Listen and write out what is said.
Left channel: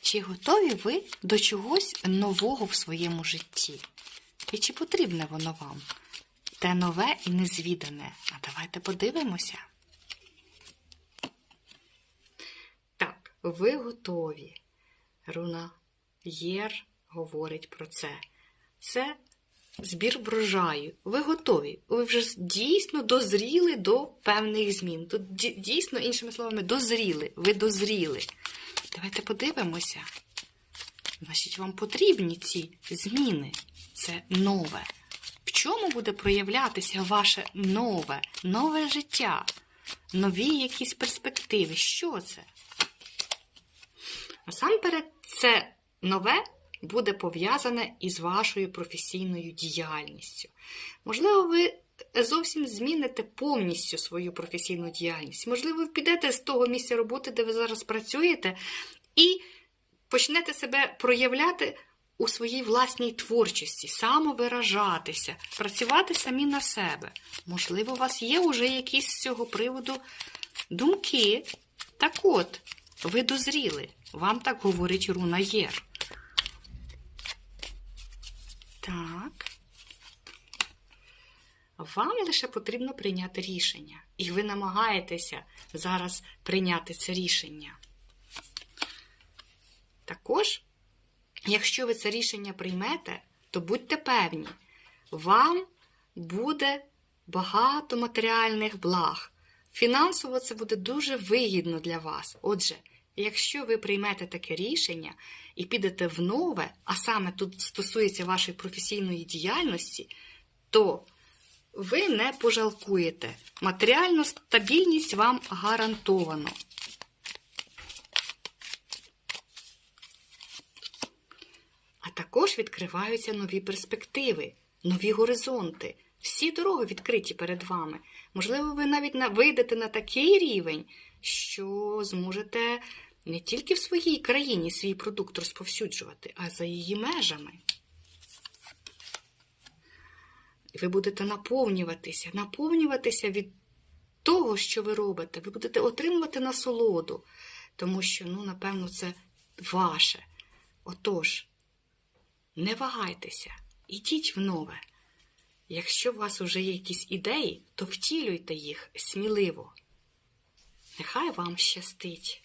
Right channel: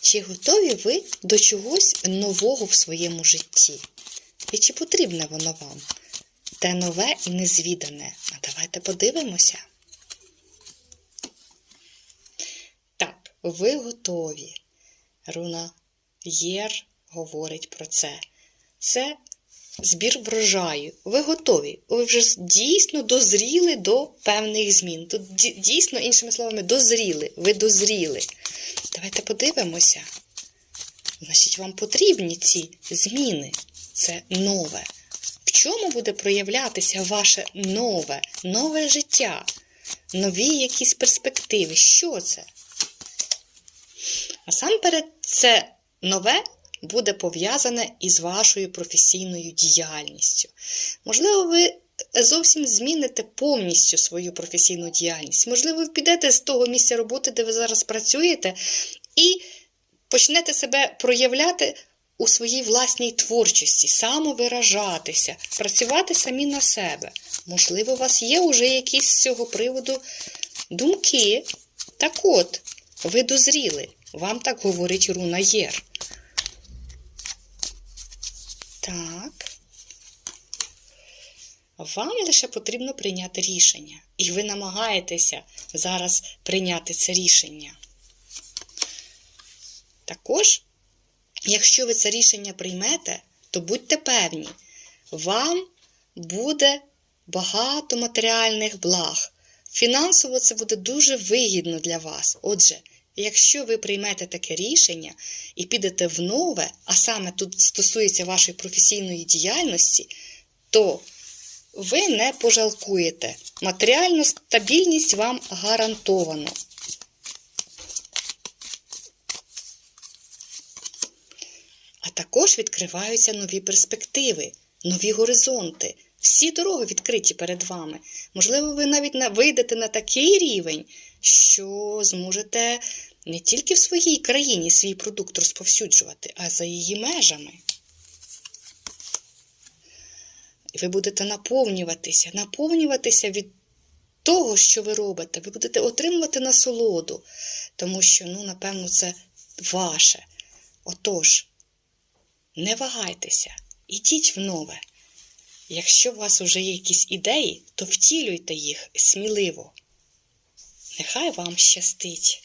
Чи готові ви до чогось нового в своєму житті? І чи потрібне воно вам? Те нове і незвідане. А давайте подивимося. Так, ви готові. Руна Єр говорить про це. Це збір врожаю. Ви готові. Ви вже дійсно дозріли до певних змін. Тут дійсно, іншими словами, дозріли. Ви дозріли. Давайте подивимося. Значить, вам потрібні ці зміни. Це нове. В чому буде проявлятися ваше нове, нове життя? Нові якісь перспективи. Що це? Насамперед, це нове буде пов'язане із вашою професійною діяльністю. Можливо, ви зовсім зміните повністю свою професійну діяльність. Можливо, ви підете з того місця роботи, де ви зараз працюєте, і почнете себе проявляти у своїй власній творчості, самовиражатися, працювати самі на себе. Можливо, у вас є вже якісь з цього приводу думки. Так от, ви дозріли. Вам так говорить руна Єр. Так. Вам лише потрібно прийняти рішення. І ви намагаєтеся зараз прийняти це рішення. Також, якщо ви це рішення приймете, то будьте певні, вам буде багато матеріальних благ. Фінансово це буде дуже вигідно для вас. Отже, якщо ви приймете таке рішення і підете в нове, а саме тут стосується вашої професійної діяльності, то ви не пожалкуєте. Матеріальну стабільність вам гарантовано. А також відкриваються нові перспективи, нові горизонти. Всі дороги відкриті перед вами. Можливо, ви навіть на- вийдете на такий рівень, що зможете не тільки в своїй країні свій продукт розповсюджувати, а за її межами. І ви будете наповнюватися, наповнюватися від того, що ви робите. Ви будете отримувати насолоду, тому що, ну, напевно, це ваше. Отож, не вагайтеся, ідіть в нове. Якщо у вас вже є якісь ідеї, то втілюйте їх сміливо. Нехай вам щастить.